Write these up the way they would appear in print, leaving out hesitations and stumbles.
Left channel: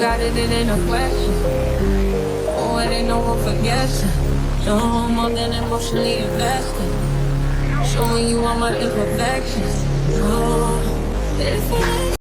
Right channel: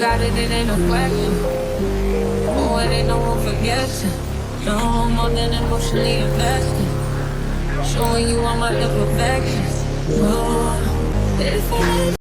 got it, it ain't a question. Oh, it ain't no room for guessing. No more than emotionally invested. Showing you all my imperfections. Oh, if I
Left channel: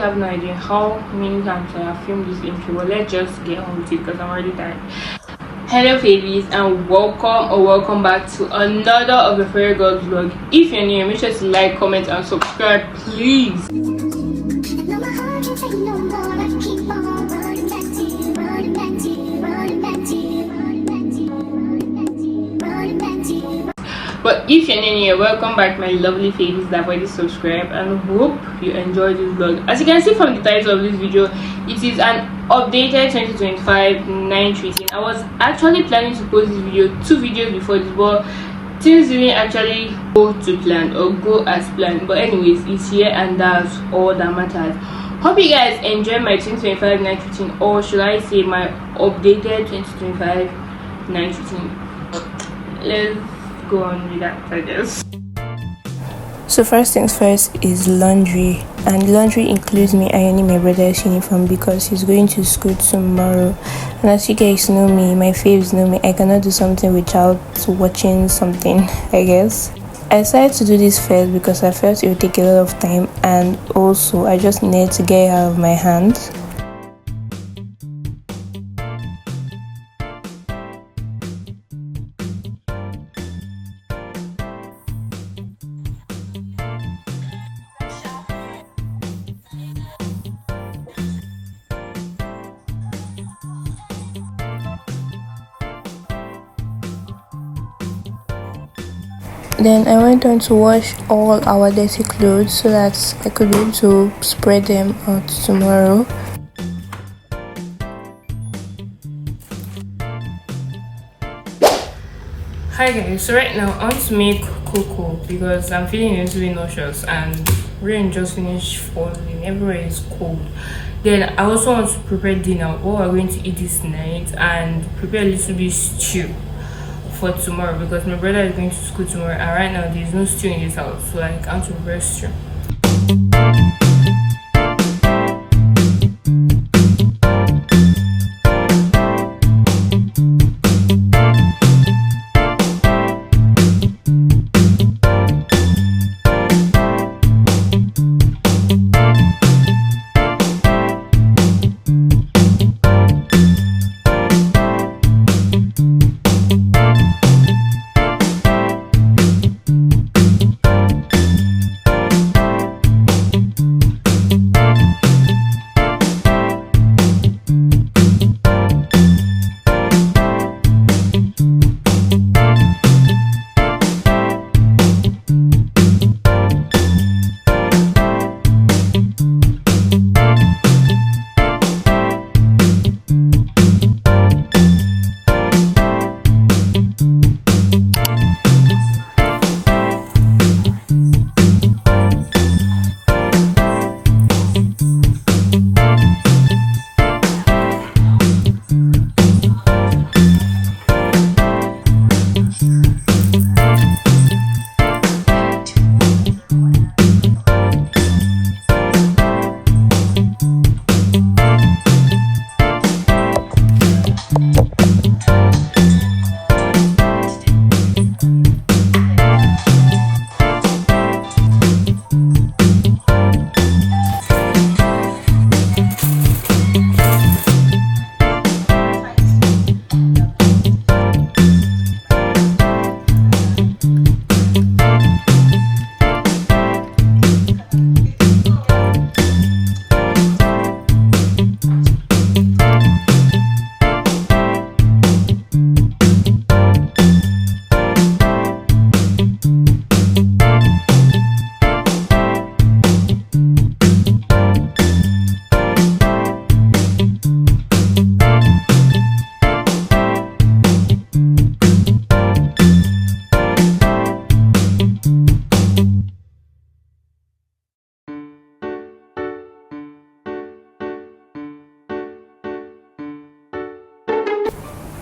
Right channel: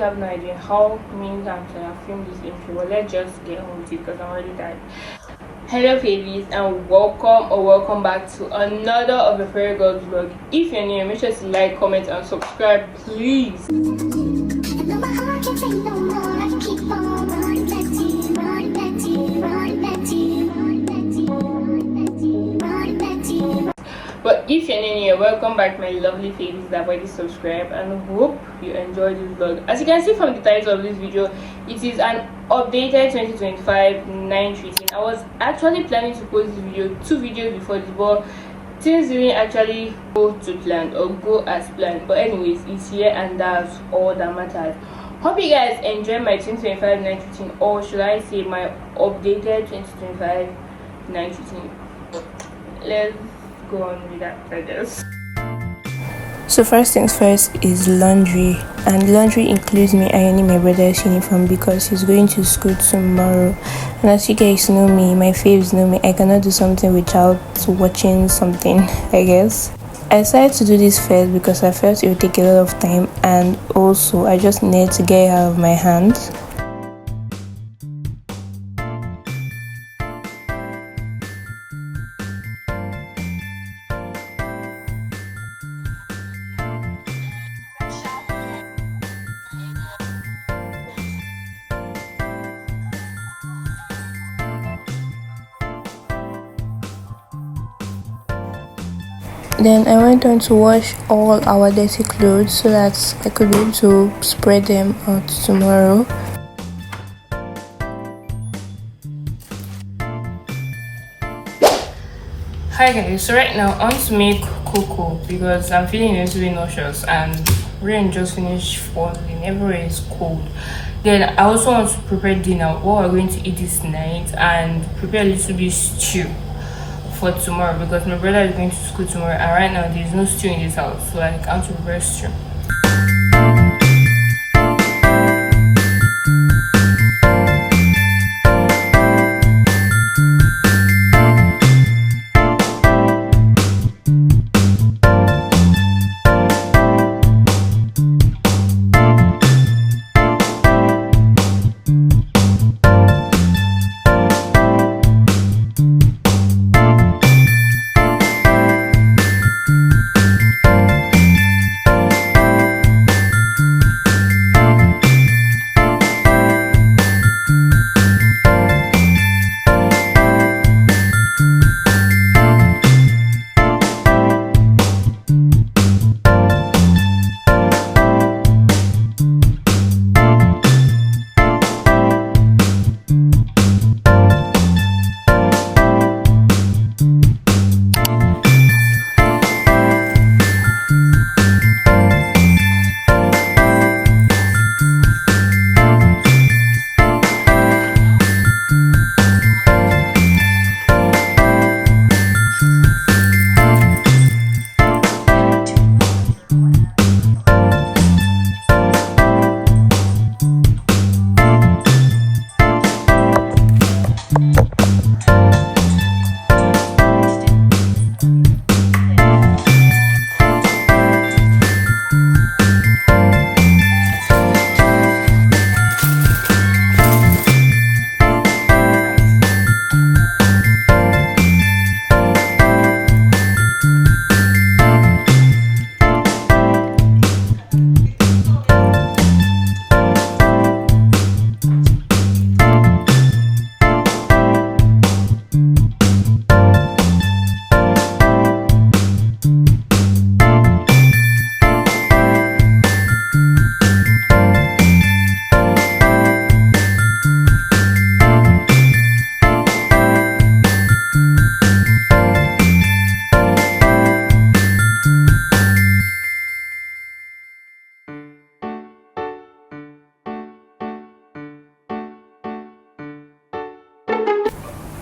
have no idea how many times I have filmed this intro, but let's just get on with it because I'm already tired. Hello favies, and welcome back to another of the Fairy Girls vlog. If you're new, make sure to like, comment and subscribe, please. But if you're new here, welcome back my lovely favies that already subscribed, and hope you enjoyed this vlog. As you can see from the title of this video, it is an updated 2025 night routine. I was actually planning to post this video 2 videos before this, but things didn't actually go to plan or go as planned. But anyways, it's here and that's all that matters. Hope you guys enjoy my 2025 night routine, or should I say my updated 2025 night routine. Let's go on with that, I guess. So first things first is laundry, and laundry includes me ironing my brother's uniform because he's going to school tomorrow. And as you guys know me, my faves know me, I cannot do something without watching something, I guess. I decided to do this first because I felt it would take a lot of time, and also I just needed to get it out of my hands. Then I went on to wash all our dirty clothes so that I could be able to spread them out tomorrow. Hi guys, so right now I want to make cocoa because I'm feeling a little bit nauseous and rain just finished falling, everywhere is cold. Then I also want to prepare dinner, what we're going to eat this night, and prepare a little bit stew for tomorrow because my brother is going to school tomorrow, and right now there is no stew in this house, so like I want to prepare stew.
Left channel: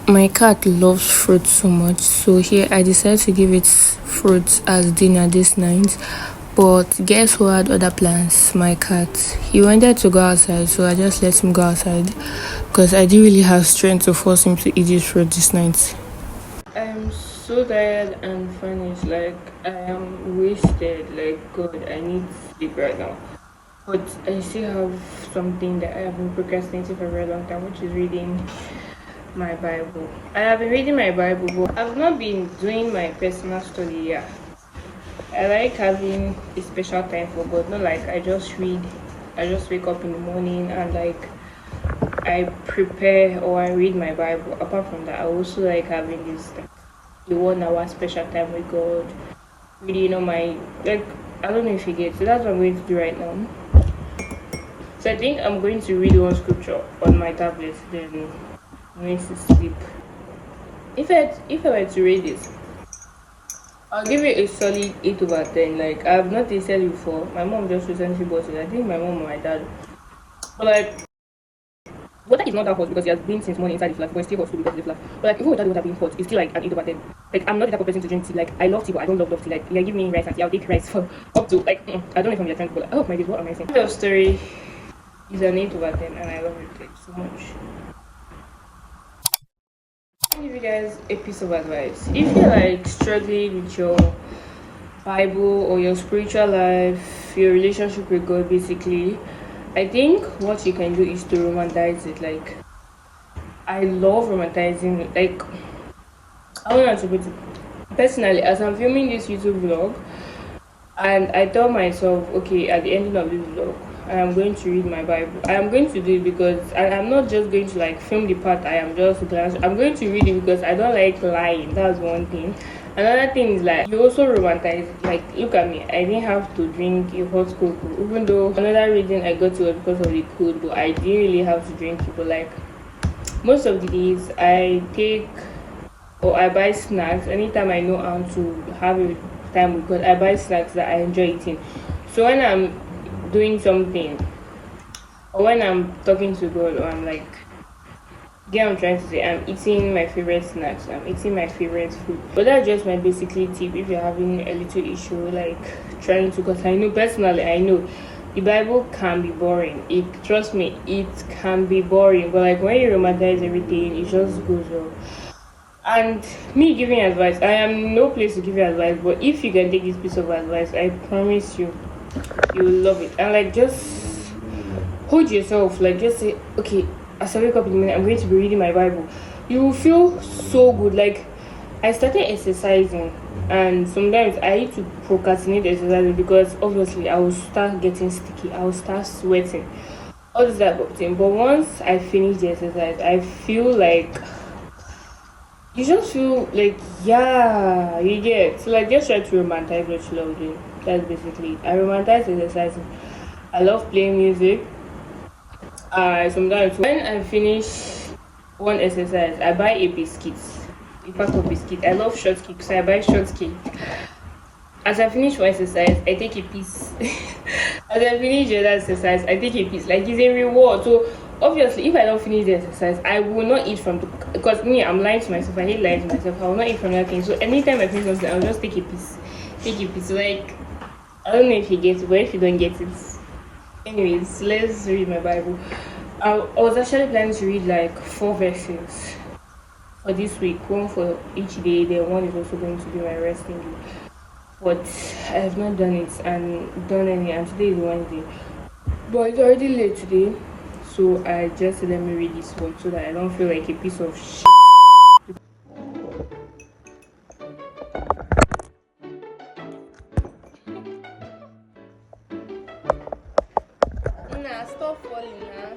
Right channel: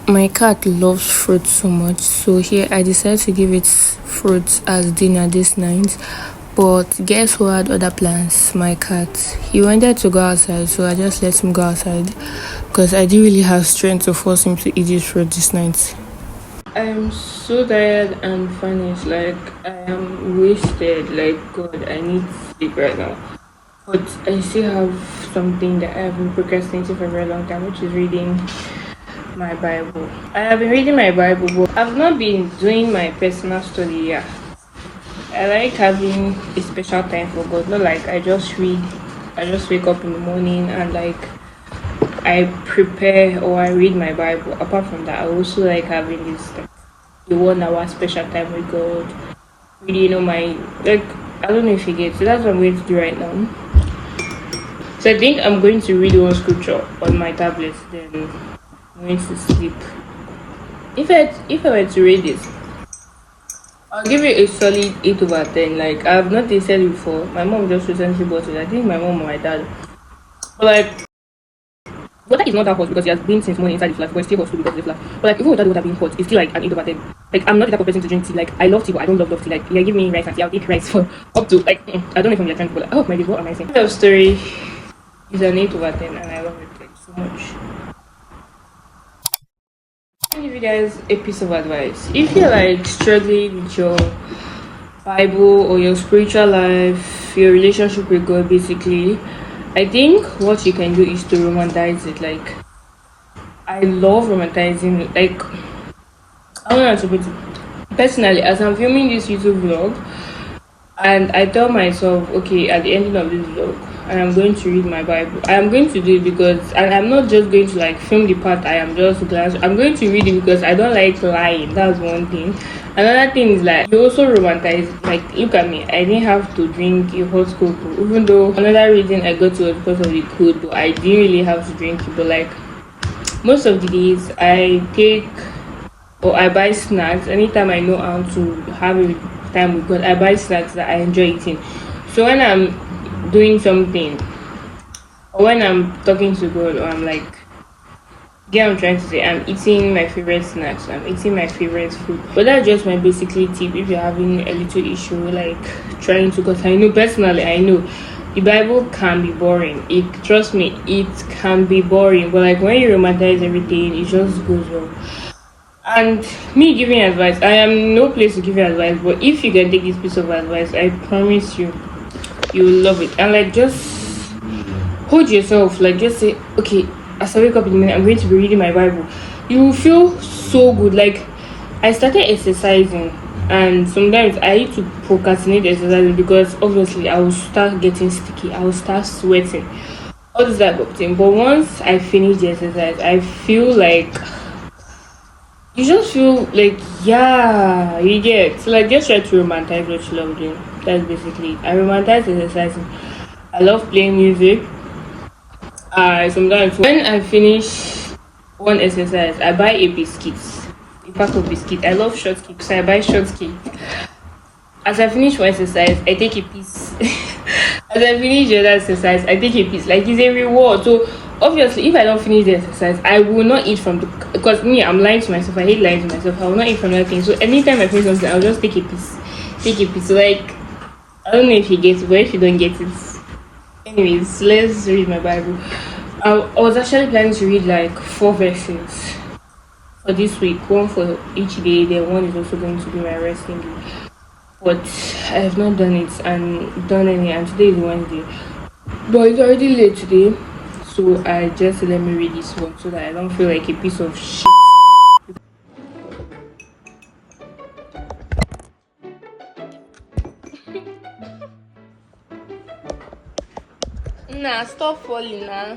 My cat loves fruit so much, so here I decided to give it fruit as dinner this night. But guess who had other plans? My cat. He wanted to go outside, so I just let him go outside because I didn't really have strength to force him to eat his fruit this night. I'm so tired and finished. Like, I am wasted. Like, God, I need sleep right now. But I still have something that I have been procrastinating for a very long time, which is reading my Bible. I have been reading my Bible, but I've not been doing my personal study yet. I like having a special time for God. Not like I just read, I just wake up in the morning and like I prepare or I read my Bible. Apart from that, I also like having this like the 1 hour special time with God. Reading on my like I don't know if you get. So that's what I'm going to do right now. So I think I'm going to read one scripture on my tablet, then I'm going to sleep. If I were to read this, I'll give you a solid 8/10. Like I've not tasted it before. My mom just recently bought it. I think my mom or my dad. But like water is not that hot because it has been since morning inside the flat, but it's still hot too because of the flat. But like even without the water being hot, it's still like an 8/10. Like I'm not the type of person to drink tea. Like I love tea, but I don't love tea. Like yeah, give me rice and tea. I'll take rice for up to like I don't know if I'm trying to, but like, oh my god, what am I saying? Love story is an 8/10, and I love it like so much. I'll give you guys a piece of advice. If you're like struggling with your Bible or your spiritual life, your relationship with God, basically, I think what you can do is to romanticize it. Like, I love romanticizing. Like, I don't know how to put it. Personally, as I'm filming this YouTube vlog, and I tell myself, okay, at the ending of this vlog, I am going to read my Bible. I am going to do it because, and I'm not just going to like film the part I am just glad. I'm going to read it because I don't like lying. That's one thing. Another thing is like you also romanticize. Like look at me, I didn't have to drink a hot cocoa, even though another reason I got to was because of the cold. But I didn't really have to drink it. But like most of the days, I take or I buy snacks anytime I know how to have a time with God. I buy snacks that I enjoy eating. So when I'm doing something or when I'm talking to God or I'm like get I'm trying to say I'm eating my favorite snacks, I'm eating my favorite food. But that's just my basically tip if you're having a little issue like trying to, because I know personally I know the Bible can be boring. It trust me, it can be boring. But like when you romanticize everything, it just goes well. And me giving advice, I am no place to give you advice, but if you can take this piece of advice, I promise you, you will love it. And like just hold yourself, like just say, okay, as I wake up in the morning, I'm going to be reading my Bible. You will feel so good. Like I started exercising, and sometimes I need to procrastinate exercising because obviously I will start getting sticky, I will start sweating, all this type of thing. But once I finish the exercise, I feel like you just feel like yeah, you get so like just try to romanticize what you love doing. That's basically it. I romanticize exercising. I love playing music. I sometimes when I finish one exercise, I buy a biscuit, a pack of biscuit. I love shortcake, so I buy shortcake. As I finish one exercise, I take a piece. As I finish the other exercise, I take a piece. Like it's a reward. So obviously, if I don't finish the exercise, I will not eat from the because me, I'm lying to myself. I hate lying to myself. I will not eat from that thing. So anytime I finish something, I'll just take a piece. Take a piece. So like I don't know if you get it, but if you don't get it, anyways, let's read my Bible. I was actually planning to read like 4 verses for this week, one for each day, then one is also going to be my resting day. But I have not done it and done any, and today is Wednesday. But it's already late today, so I just let me read this one so that I don't feel like a piece of shit. Nah, stop falling now.